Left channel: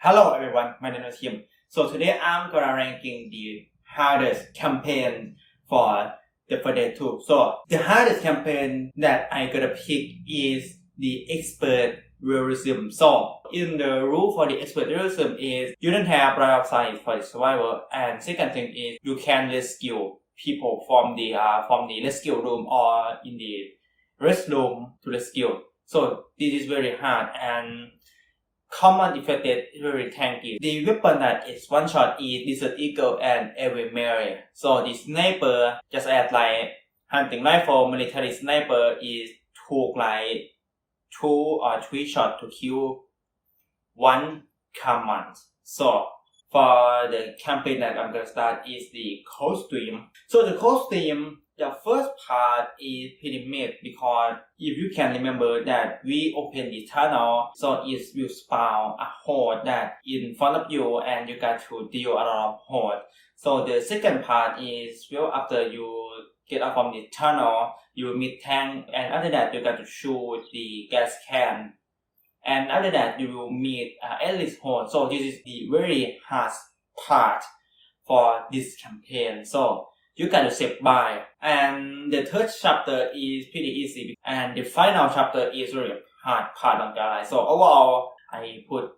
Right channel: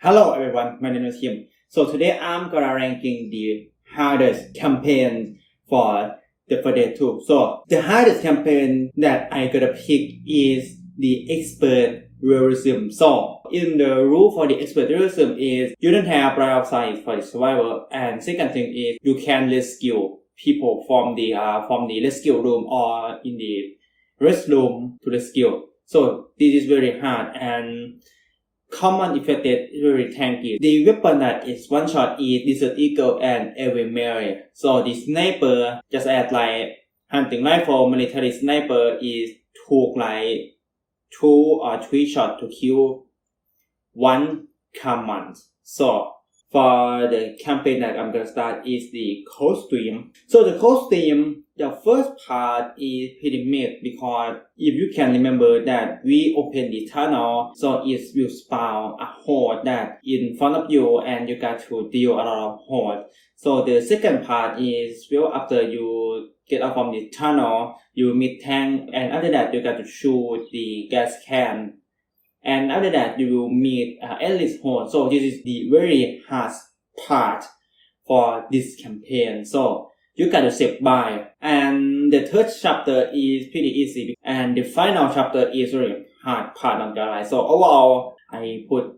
Hello everyone, my name is Kim. So today I'm gonna ranking the hardest campaign for the Day 2. So the hardest campaign that I gonna pick is the Expert Realism. So in the rule for the Expert Realism is you don't have right of sight for the survival, and second thing is you can rescue people from the rescue room or in the restroom to rescue. So this is very hard and common effected very tanky. The weapon that is one shot is Desert Eagle and Every Mary. So the sniper, just as like hunting rifle, military sniper is took like 2 or 3 shots to kill one command. So for the campaign that I'm gonna start is the costume. So the costume, the first part is pretty mid because if you can remember that we open the tunnel, so it will spawn a horde that in front of you and you got to deal a lot of horde. So the second part is well after you get out from the tunnel, you meet tank, and after that you got to shoot the gas can. And after that, you will meet Ellis Horde. So this is the very hard part for this campaign. So you got to survive. And the third chapter is pretty easy. And the final chapter is really hard part on the line. So overall, I put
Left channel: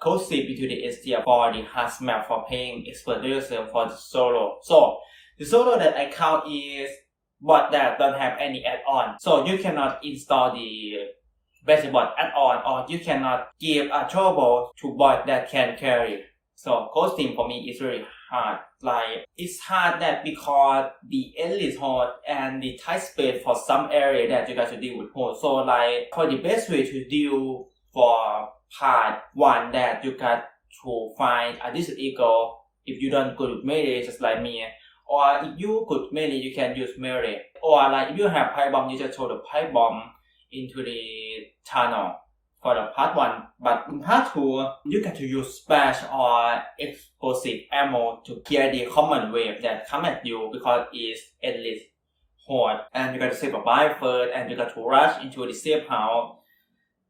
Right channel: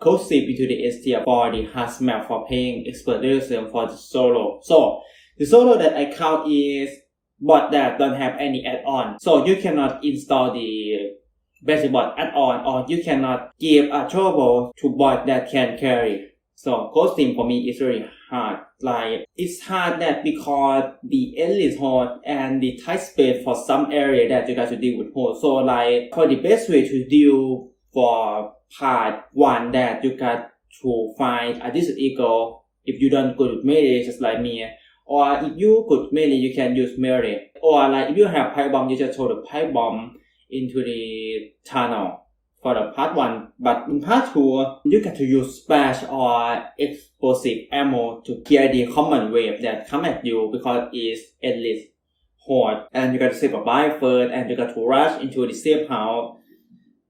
Code Zip into the S tier for the hard map for playing Expert Realism for the solo. So the solo that I count is bot that don't have any add-on. So you cannot install the basic bot add-on, or you cannot give a turbo to bot that can carry. So costume for me is really hard. Like it's hard that because the elite horde and the tight space for some area that you got to deal with horde. So like for the best way to deal for part 1 that you got to find a Desert Eagle if you don't go with melee just like me. Or if you good melee you can use melee. Or like if you have pipe bomb you just throw the pipe bomb into the tunnel for the part 1, but in part 2 you get to use splash or explosive ammo to clear the common wave that come at you because it's endless horde, and you got to save a buy first and you got to rush into the safe house.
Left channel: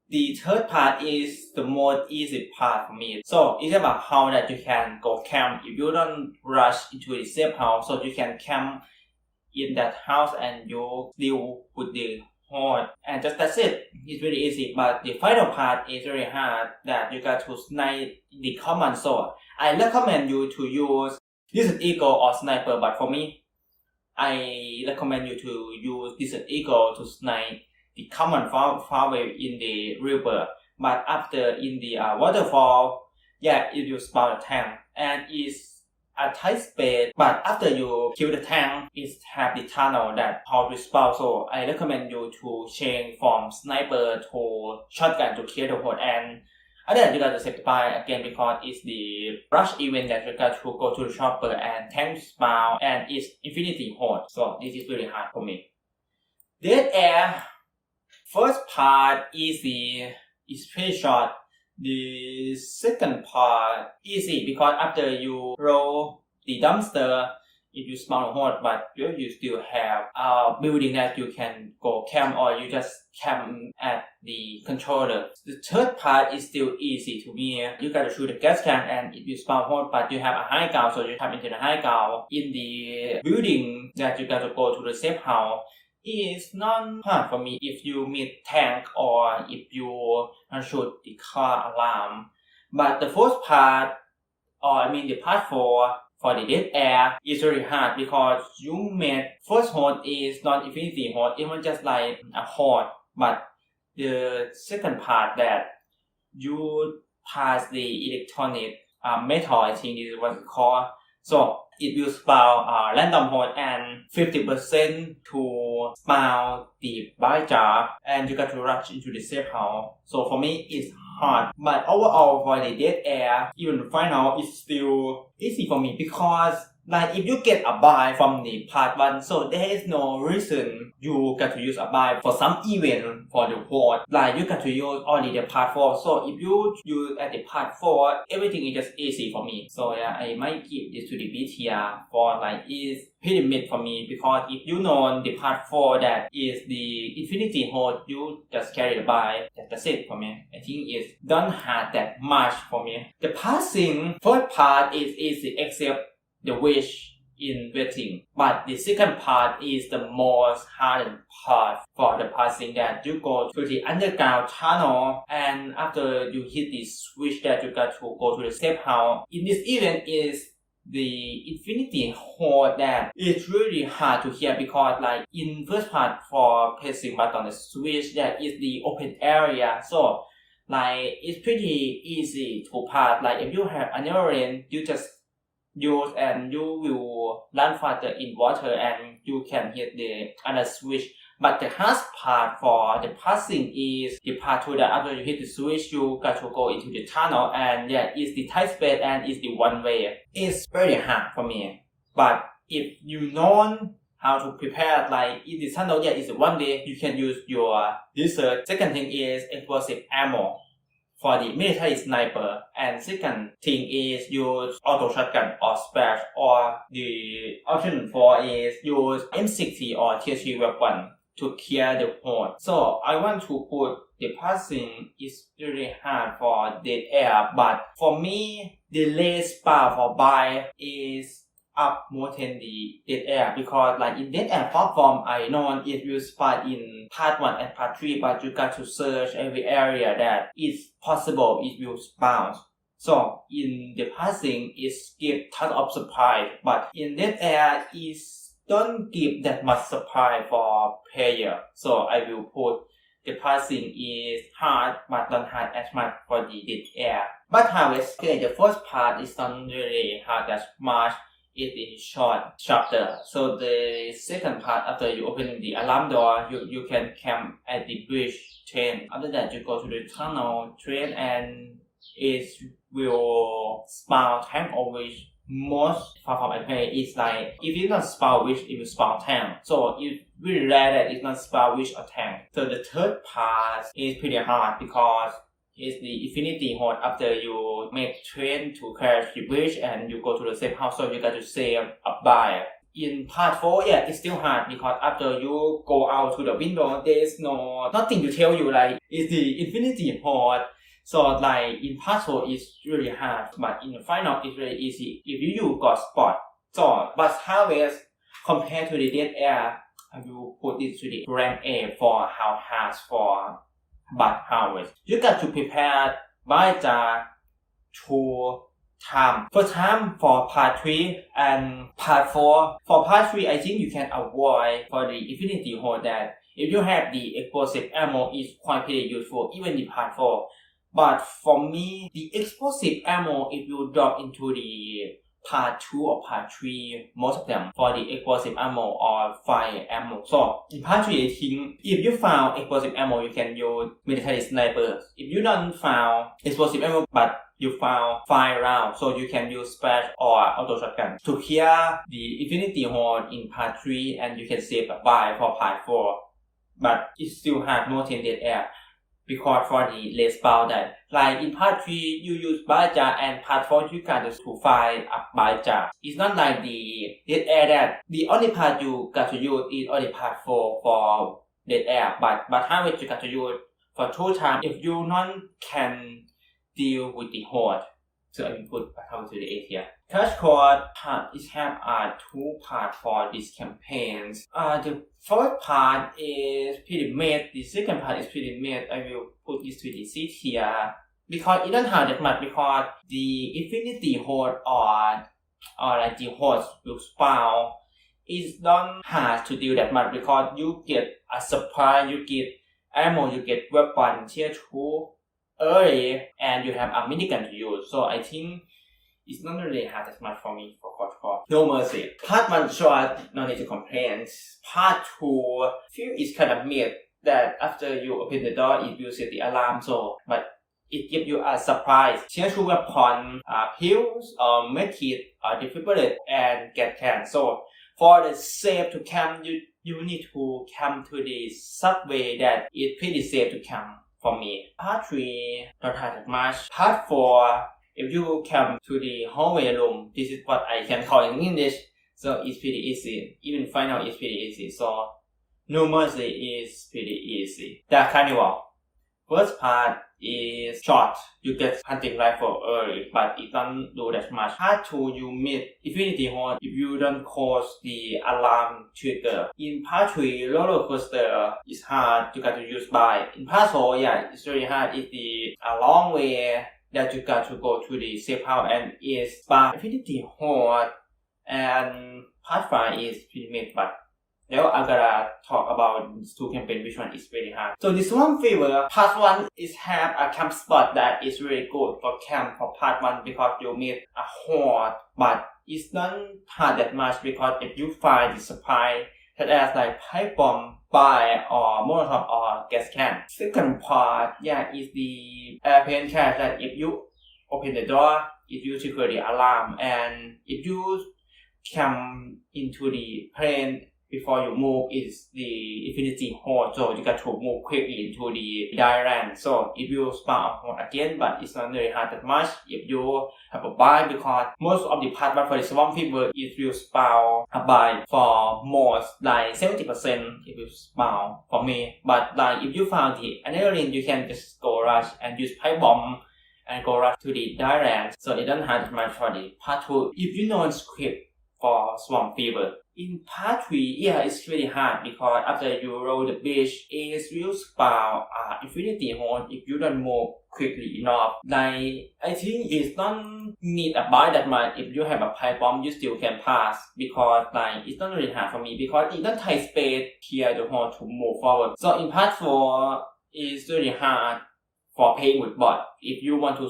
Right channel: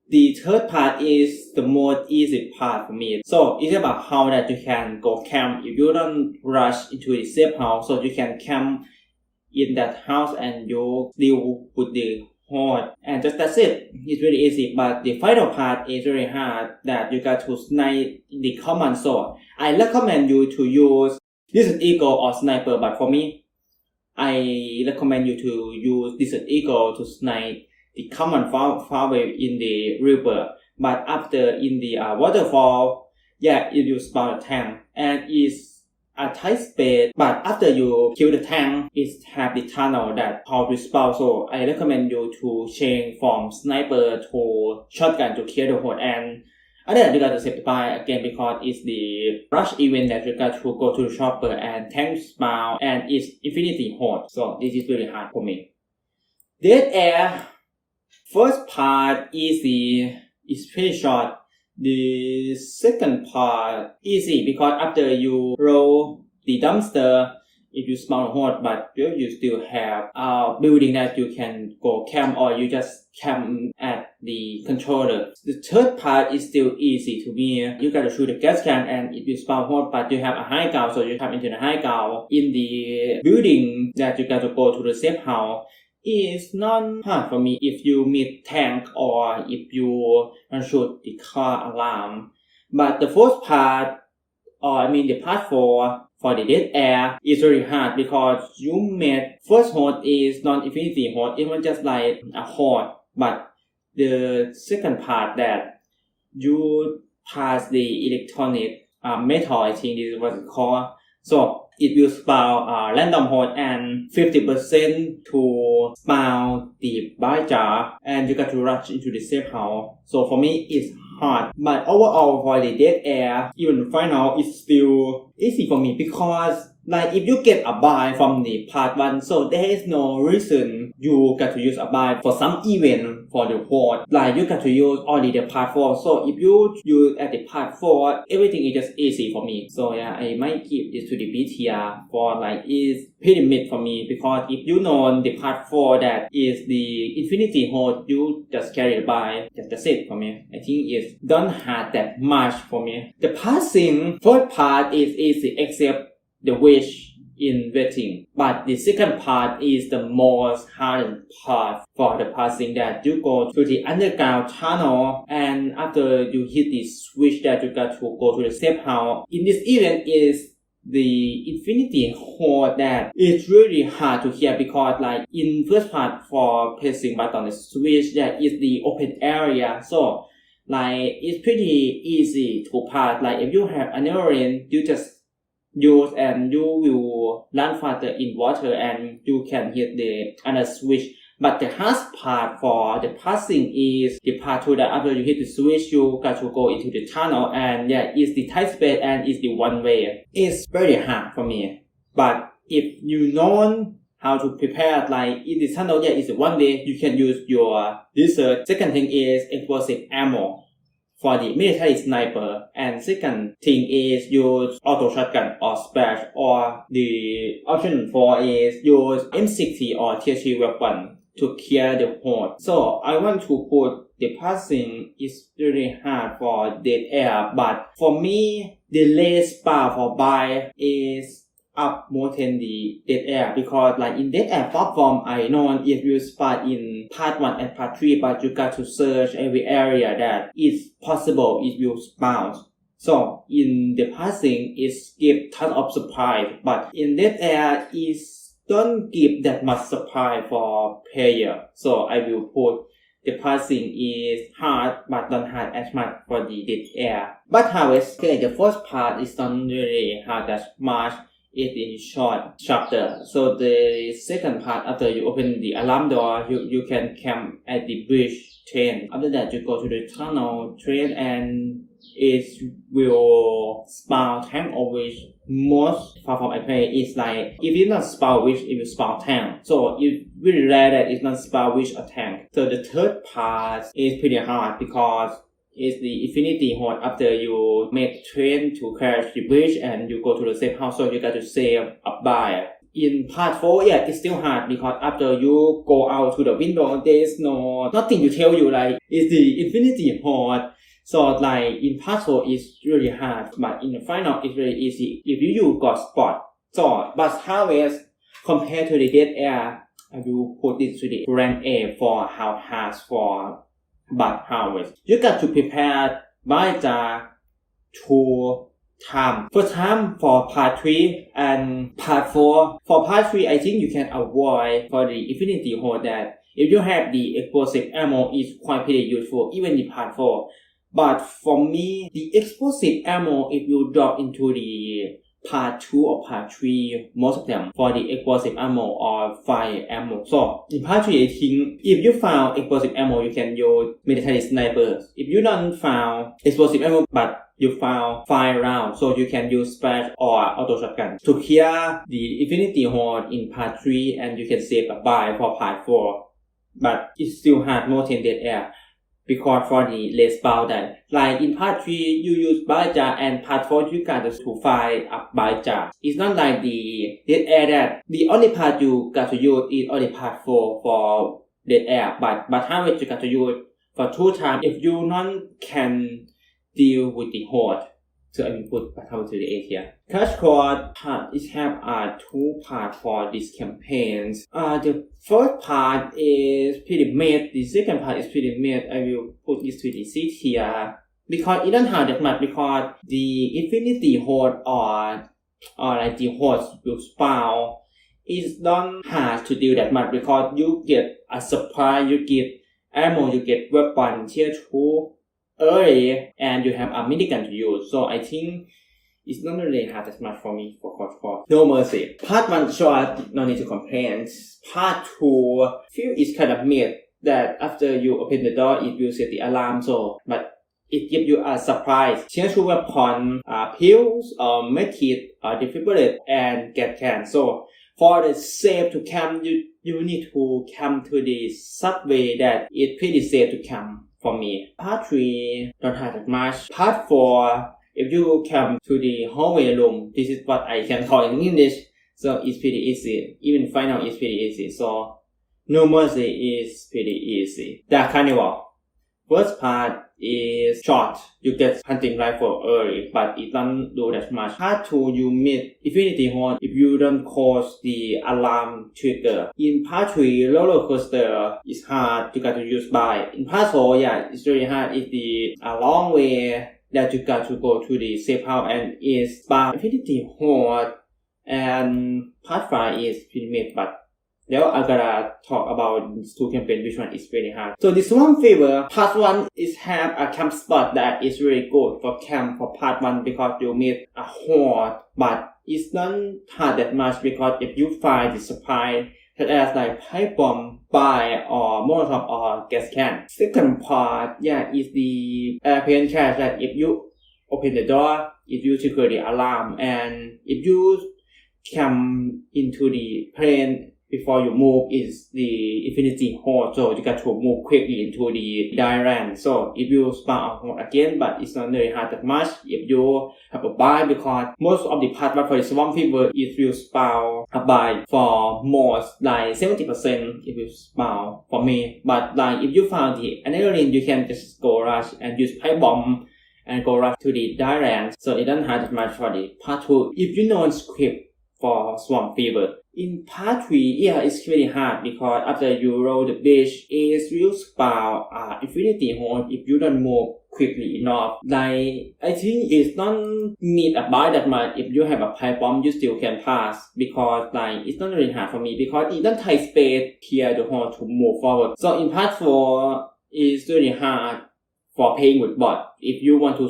The third part is the most easy part for me. So it's about how that you can go camp if you don't rush into the safe house, so you can camp in that house and you deal with the horde, and that's it. It's really easy, but the final part is very hard that you got to snipe the command. So I recommend you to use Desert Eagle or Sniper, but for me, I recommend you to use Desert Eagle to snipe the command far away in the river. But after in the waterfall, it will spawn a tank, and it's a tight space, but after you kill the tank, it have the tunnel that how to spawn. So I recommend you to change from sniper to shotgun to kill the horde, and then you got to save the buy again because it's the rush event that you got to go to the shopper and tank spawn, and it's infinity horde. So this is very hard for me. Dead Air, first part easy, it's pretty short. The second part easy because after you roll the dumpster, if you spawn a horde, but you still have a building that you can go camp, or you just camp at the controller. The third part is still easy to me. You gotta shoot the gas can, and if you spawn horde, but you have a high ground, so you come into the high ground in the building that you gotta go to the safe house. It's not hard for me if you meet tank or if you shoot the car alarm. But the first part, the part 4 for the Dead Air is very hard because you met first horde is not infinity horde, it was just like a horde. But the second part that you pass the electronic metal, I think this is what it's called. So it will spawn random horde and 50% to spawn the buy jar, and you got to rush into the safe house. So for me it's hard, but overall for the Dead Air, even final it's still easy for me because Like if you get a buy from the part 1, so there is no reason you got to use a buy for some event for the horde. Like you got to use only the part 4. So if you use at the part 4, everything is just easy for me. So yeah, I might give this to the B tier for like is pretty mid for me, because if you know the part 4 that is the infinity horde, you just carry the buy. That's it for me. I think it's don't hard that much for me. The passing first part is easy except the wish in waiting, but the second part is the most hard part for the passing, that you go to the underground tunnel, and after you hit the switch that you got to go to the safe house. In this event is the infinity horde that is really hard to hear, because like in first part for pressing button the switch, that is the open area, so like it's pretty easy to pass. Like if you have another lane, you just use and you will run faster in water and you can hit the other switch. But the hardest part for the passing is the part 2, that after you hit the switch, you got to go into the tunnel, and yeah, it's the tight space and it's the one way. It's very hard for me. But if you know how to prepare, like in the tunnel, yeah, it's one way, you can use your research. Second thing is explosive ammo for the military sniper, and second thing is use auto shotgun or splash, or the option 4 is use M60 or tier 3 weapon to clear the horde. So I want to put the passing is really hard for dead air, but for me the less bar for buy is up more than the dead air, because like in dead air platform, I know if you spot in part 1 and part 3, but you got to search every area that is possible if you spawn. So in the passing is give ton of supply, but in dead air is don't give that much supply for player. So I will put the passing is hard, but not hard as much for the dead air. But Havest, okay, the first part is not really hard as much. It is short chapter. So the second part, after you open the alarm door, you can camp at the bridge train. After that, you go to the tunnel train, and it will spawn tank, of which most platform I play is like, if it's not spawn witch, it will spawn tank. So it's really rare that it's not spawn witch or tank. So the third part is pretty hard, because is the infinity horde after you make train to crash the bridge and you go to the safe house, so you got to save a buyer. In part 4, yeah, it's still hard, because after you go out to the window, there's nothing to tell you, like it's the infinity horde. So like in part 4 it's really hard, but in the final it's really easy if you use God spot. So but Harvest compared to the dead air, I will put it to the rank A for how hard for but Harvest. You got to prepare by the 2 time. First time for part 3 and part 4. For part 3, I think you can avoid for the infinity horde that if you have the explosive ammo is quite pretty useful even in part 4. But for me, the explosive ammo, if you drop into the part 2 or part 3, most of them for the explosive ammo or fire ammo. So in part 3, I think if you found explosive ammo, you can use military snipers. If you don't found explosive ammo but you found fire round, so you can use splash or auto shotgun to clear the infinity horde in part 3, and you can save a buy for part 4. But it's still hard more than dead air, because for the less bound that like in part 3 you use Baja, and part 4 you got to find a Baja. It's not like the dead air that the only part you got to use is only part 4 for dead air, but how much you got to use for 2 times if you not can deal with the horde. So I will put Baja to the A tier. Crash Course part is have 2 parts for this campaigns. The first part is pretty mid. The second part is pretty mid. I will put this to the C tier, because it don't have that much, because the infinity horde or like the horde will spawn is not hard to deal that much, because you get a supply, you get ammo, you get weapon tier 2 early, and you have a minigun to use. So I think it's not really hard as much for me for Crash Course. No Mercy. Part 1 short, no need to complain. Part 2 feel is kind of mid, that after you open the door it will set the alarm, so but it gives you a surprise. Change to weapon, pills, medkit, defibrillate, and get can. So for the safe to camp, you need to come to the subway that is pretty safe to camp for me. Part 3 don't have that much. Part 4, if you come to the hallway room, this is what I can call in English. So it's pretty easy. Even final is pretty easy. So No Mercy is pretty easy. The Carnival. First part is short. You get hunting rifle early, but it don't do that much. Part 2, you meet Infinity Horn if you don't close the alarm trigger. In part 3, roller coaster is hard. You got to use by. In part 4, yeah, it's really hard. It's the a long way that you got to go to the safe house, and it's by Infinity Horn. And part 5 is Pyramid, but now I'm gonna talk about these two campaigns, which one is very hard. So this one favor, part 1 is have a camp spot that is really good for camp for part 1 because you meet a horde, but it's not hard that much because if you find the supply such as like pipe bomb, buy or molotov or gas can. Second part, yeah, is the airplane crash that if you open the door, if you secure the alarm, and if you come into the plane before you move is the Infinity Horde, so you got to move quickly into the Dyran. So if you spawn a horde again, but it's not very hard that much if you have a buy, because most of the part 1 for the Swamp Fever is you spawn a buy for most, like 70% if you spawn for me. But like if you found the adrenaline, you can just go rush and use pipe bomb and go rush to the Dyran. So it doesn't hard that much for the part 2 if you know script for Swamp Fever. In part 3, yeah, it's really hard because after you roll the beach, it will spawn Infinity Horn if you don't move quickly enough. Like, I think it's not need a buy that much. If you have a pipe bomb, you still can pass because like it's not really hard for me because it doesn't take space here the horn to move forward. So in part 4, it's really hard for playing with bot if you want to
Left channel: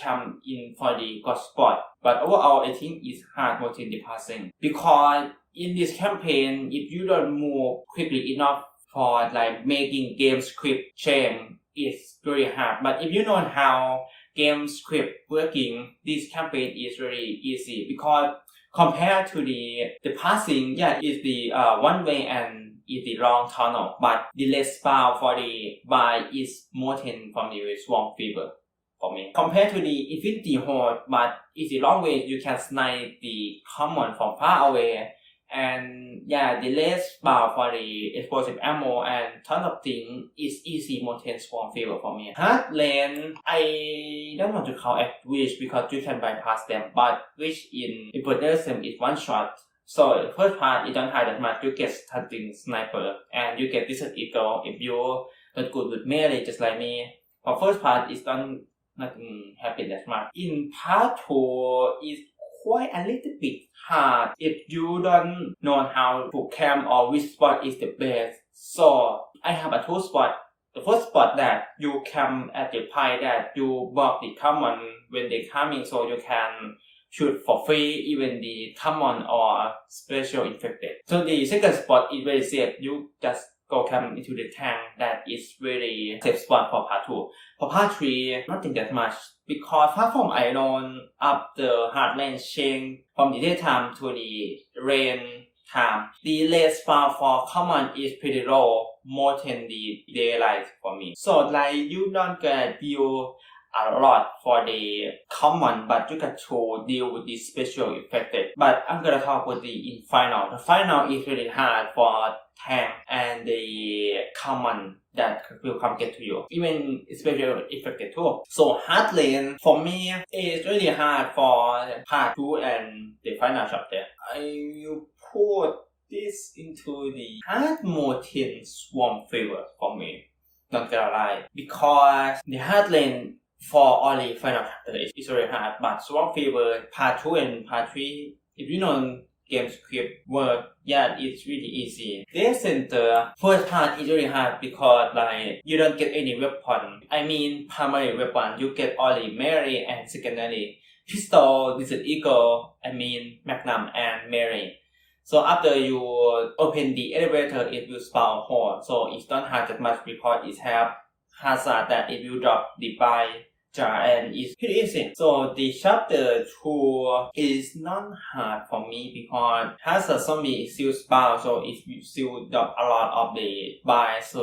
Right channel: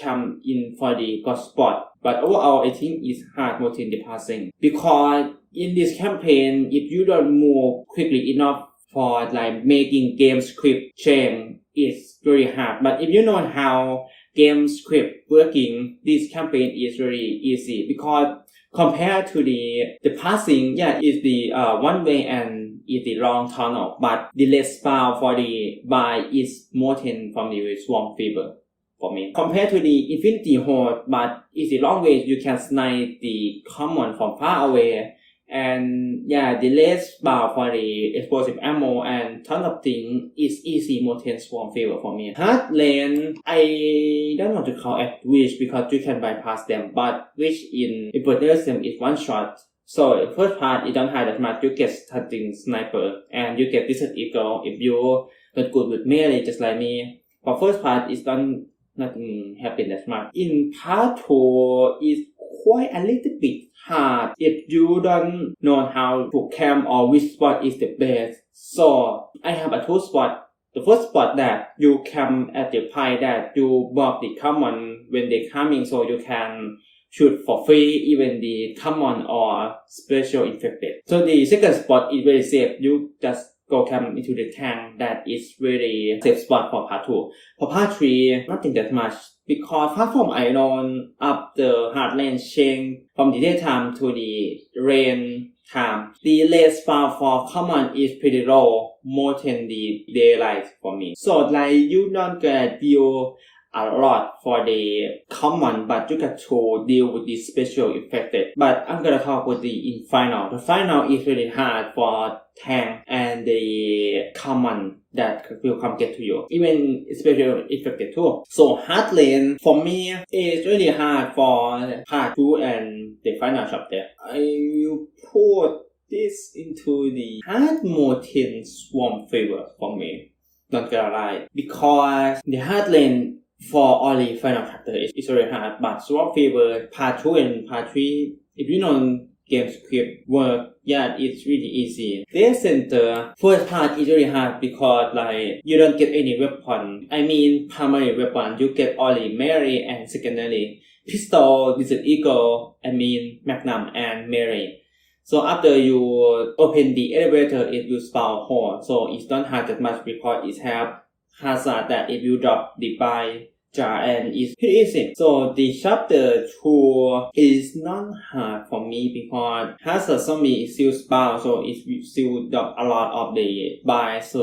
come in for the god spot. But overall, I think it's hard more in the passing because in this campaign, if you don't move quickly enough for like making game script change, it's very hard. But if you know how game script working, this campaign is very easy because compared to the passing, yeah, it's the one way and it's the long tunnel, but the less spawn for the buy is more than from the Swamp Fever. For me, compared to the Infinity Horde, but it's the long way you can snipe the common from far away, and yeah, the less bar for the explosive ammo and ton of things is easy more than Swamp Fever for me. Hard lane, I don't want to call it Witch because you can bypass them, but Witch in Realism is one shot. So first part, you don't have that much, you get stunting sniper, and you get Desert Eagle if you're not good with melee just like me. For first part, it's nothing happened that much. In part 2, it's quite a little bit hard if you don't know how to camp or which spot is the best. So I have a 2 spot. The first spot that you camp at the pie that you block the common when they coming, so you can shoot for free even the common or special infected. So the second spot is very safe. You just go camp into the tank that is really safe spot for part 2. For part 3, nothing that much because far from Iron up the hard lane change from the daytime to the rain time. The lane spawn for common is pretty low, more than the daylight for me. So like you don't gonna deal a lot for the common, but you got to deal with the special affected. But I'm gonna talk with the final. The final is really hard for tank and the common that will come get to you. Even special affected too. So hard lane for me is really hard for part 2 and the final chapter. I will put this into the hard mode in Swamp Fever for me. Not gonna lie. Because the hard lane for only final chapter is very hard, but Swamp Fever part 2 and part 3, if you know game script work, yeah, it's really easy. Death Center first part is very hard because like you don't get any weapon. I mean primary weapon, you get only melee and secondary. Pistol, Desert Eagle, Magnum and melee. So after you open the elevator, it will spawn horde. So it's not hard that much because it have hazard that if you drop the buy and it's pretty easy. So the chapter 2 is not hard for me because has a zombie is still spawn, so it still got a lot of the buys,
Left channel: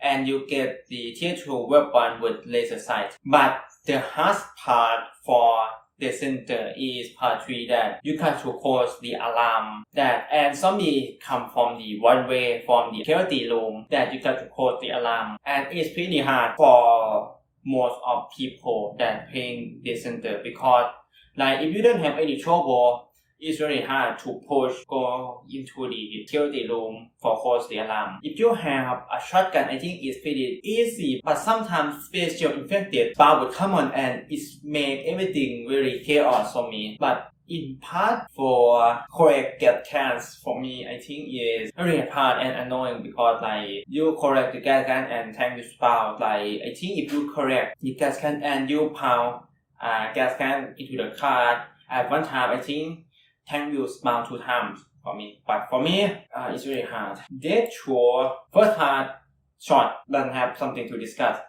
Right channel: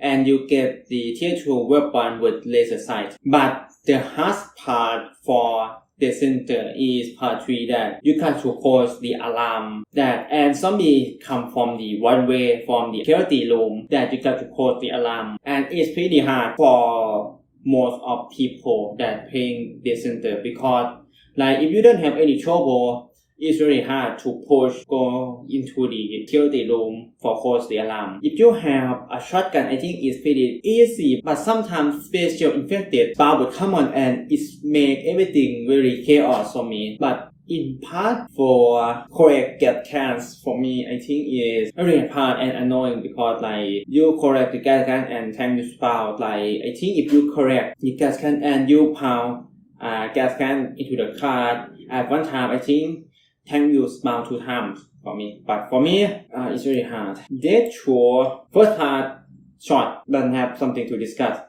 and you get the tier 2 weapon with laser sight. But the hard part for the center is part 3 that you got to close the alarm that and zombie come from the one way from the security room that you got to close the alarm, and it's pretty hard for most of people that playing the center because like if you don't have any trouble, it's very hard to push go into the security room for close the alarm. If you have a shotgun, I think it's pretty easy, but sometimes special infected spawn would come on and it make everything very chaos for me. But in part for correct get cans for me, I think is very hard and annoying because like you correct the gas can and tank you spawn. Like I think if you correct the gas can and you pound gas can into the card at one time, I think tank you spawn 2 times for me. But for me, it's very hard. Dead sure first part short doesn't have something to discuss.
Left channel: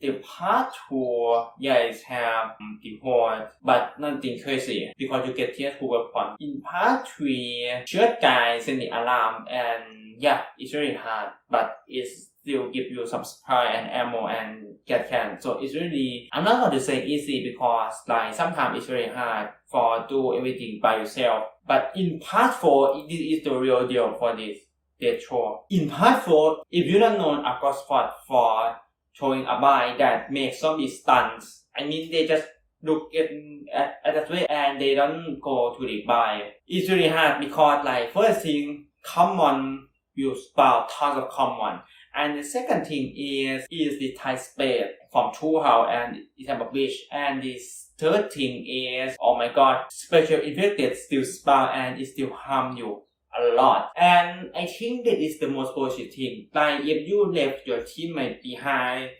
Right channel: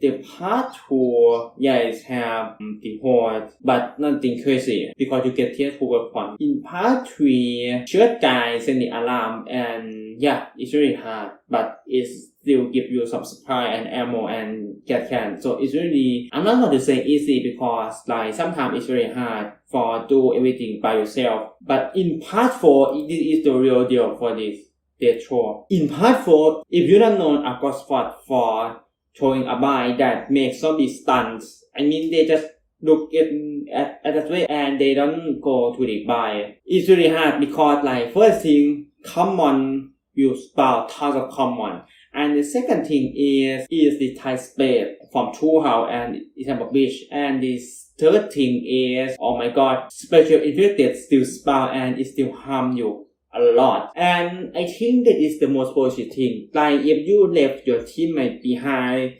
The part 2, yes, have the horde, but nothing crazy because you get tier 2 weapon. In part 3, shoot guys send the alarm and yeah, it's very hard, but it still give you some supply and ammo and get can. So it's really, I'm not going to say easy because like sometimes it's very hard for do everything by yourself. But in part 4, this is the real deal for this dead sure. In part 4, if you don't know a ghost spot for throwing a buy that makes zombies stuns. I mean, they just look at that way and they don't go to the buy. It's really hard because like first thing, common will spawn tons of common. And the second thing is the type spade from True House and Istanbul Beach. And the third thing is, oh my god, special infected still spawn and it still harm you a lot. And I think that is the most positive thing. Like if you left your teammate behind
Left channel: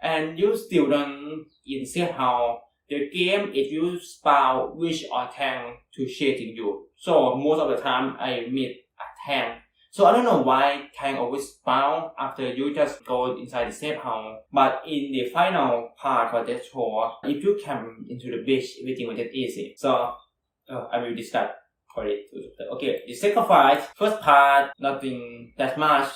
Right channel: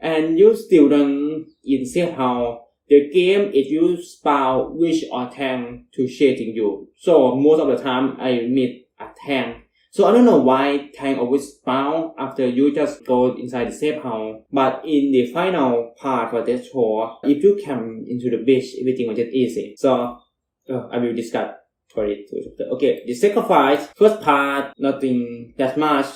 and you still don't in safe house, the game if you spawn wish or tank to chasing you. So most of the time I meet a tank. So I don't know why tank always spawn after you just go inside the safe house. But in the final part for this show, if you come into the beach, everything will get easy. So I will discuss for it. Okay, the sacrifice, first part, nothing that much.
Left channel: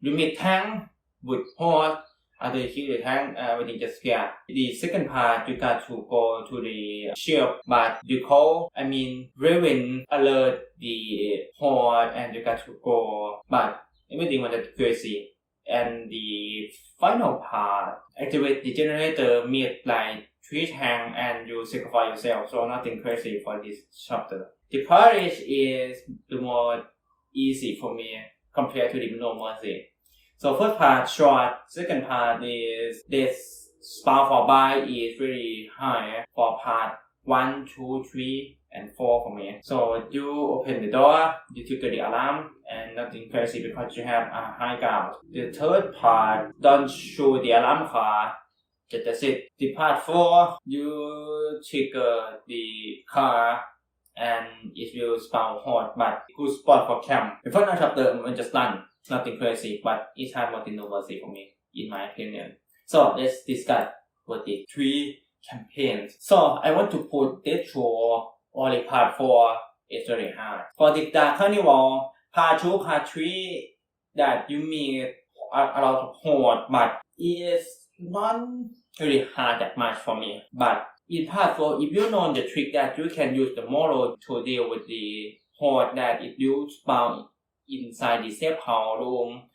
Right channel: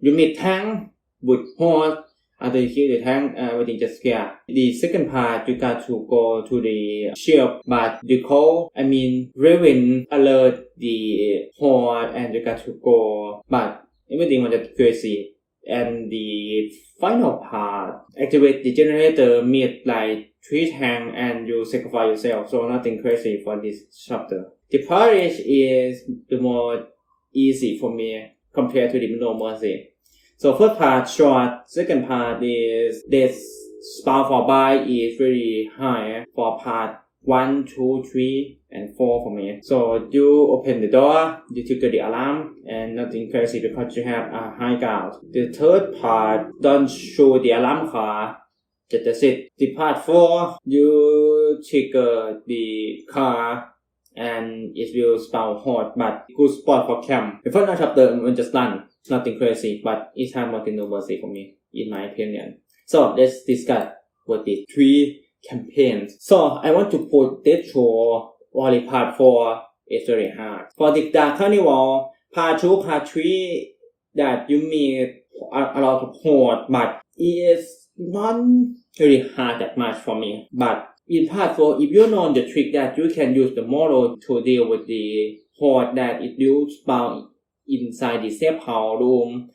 You meet tank with horde, after you kill the tank, everything just scared. The second part, you got to go to the ship, but you call, Raven alert the horde and you got to go, but everything was just crazy. And the final part, activate the generator, meet like 3 tank and you sacrifice yourself, so nothing crazy for this chapter. The Parish is the more easy for me compared to the No Mercy. So first part short, second part is this spawn for buy is very high for part 1, 2, 3, and 4 for me. So you open the door, you trigger the alarm, and nothing crazy because you have a high ground. The third part don't show the alarm car. That's it. The part 4, you trigger the car and it will spawn horde, but good spot for camp. The first chapter will just run, nothing crazy, but it's hard more than No Mercy for me, in my opinion. So let's discuss what the 3 campaigns. So I want to put Death Show only part 4 is very hard. For the Dark Carnival, part 2, part 3 that you meet a lot of horde, but it is not really hard that much for me. But in part 4, if you know the trick that you can use the model to deal with the horde that it will spawn inside the safe house room,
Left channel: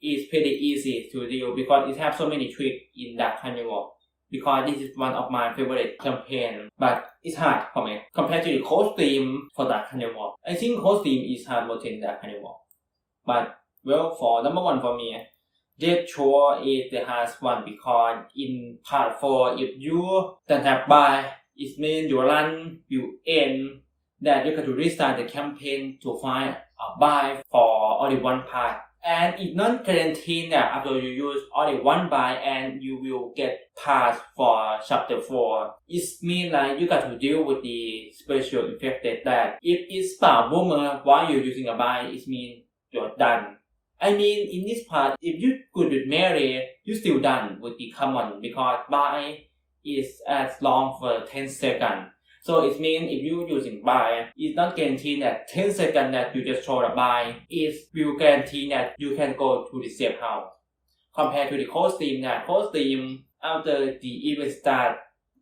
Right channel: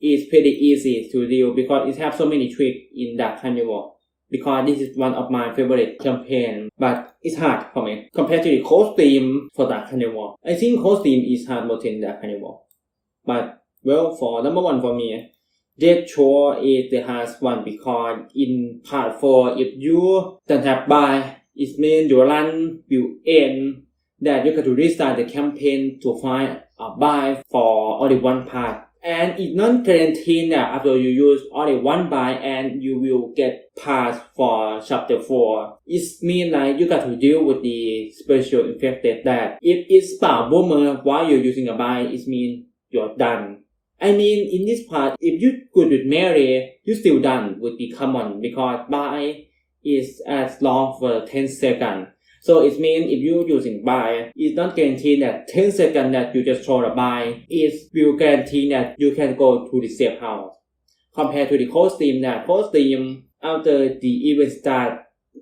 it's pretty easy to deal because it has so many tricks in Dark Carnival. Because this is one of my favorite campaigns, but it's hard for me compared to the costume for Dark Carnival. I think costume is hard more than Dark Carnival. But well, for number 1 for me, Death Shore is the hardest one because in part 4, if you don't have buy, it means your run will end, that you got to restart the campaign to find a buy for only one part. And it's not guaranteed that after you use only one buy and you will get pass for chapter 4. It means like you got to deal with the special infected that if it's spawn boomer while you're using a buy, it means you're done. In this part, if you good with Mary, you still done with the common because buy is as long for 10 seconds. So it means if you using buy, it's not guaranteed that 10 seconds that you just throw the buy, it will guarantee that you can go to the safe house. Compared to the cold steam, that cold steam, after the event start,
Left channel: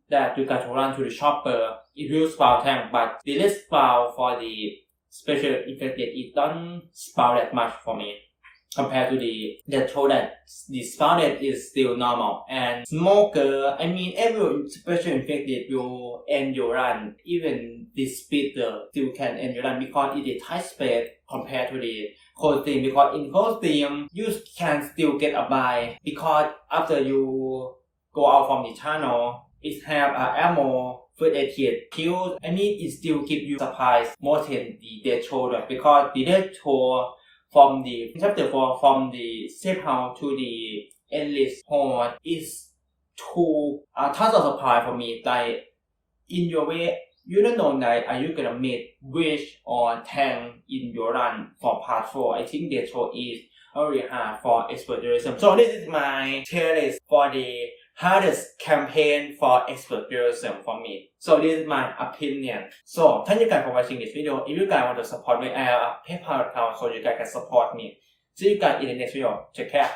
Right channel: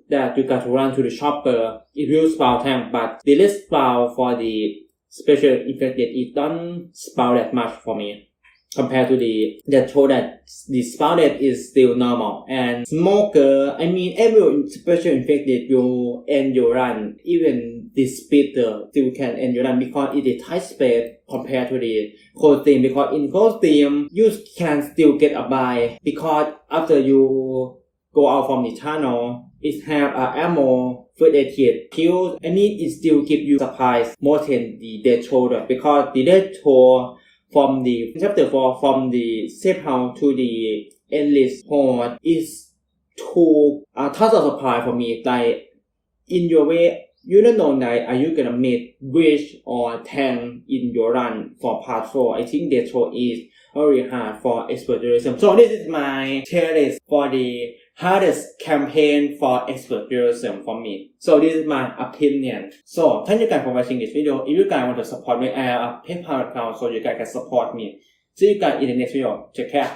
that you got to run to the shopper, it will spawn tank, but the less spawn for the special infected, it don't spawn that much for me. Compared to the show that the spawn rate is still normal. And smoker, I mean every special infected you end your run, even the speeder still can end your run because it is tight space compared to the cold steam, because in cold steam you can still get a buy because after you go out from the tunnel, it have ammo, first aid kit, kill. I mean it still give you supplies more than the death shoulder, because the death shoulder from the chapter 4 from the safe house to the endless horde is too tons of supply for me. Like in your way, you don't know that are you gonna meet bridge or tank in your run for part 4. I think that show is very hard for expert realism. So this is my tier list for the hardest campaign for expert realism for me. So this is my opinion. So thank you guys for watching this video. If you guys want to support me, I have a PayPal account so you guys can support me. See you guys in the next video. Take care.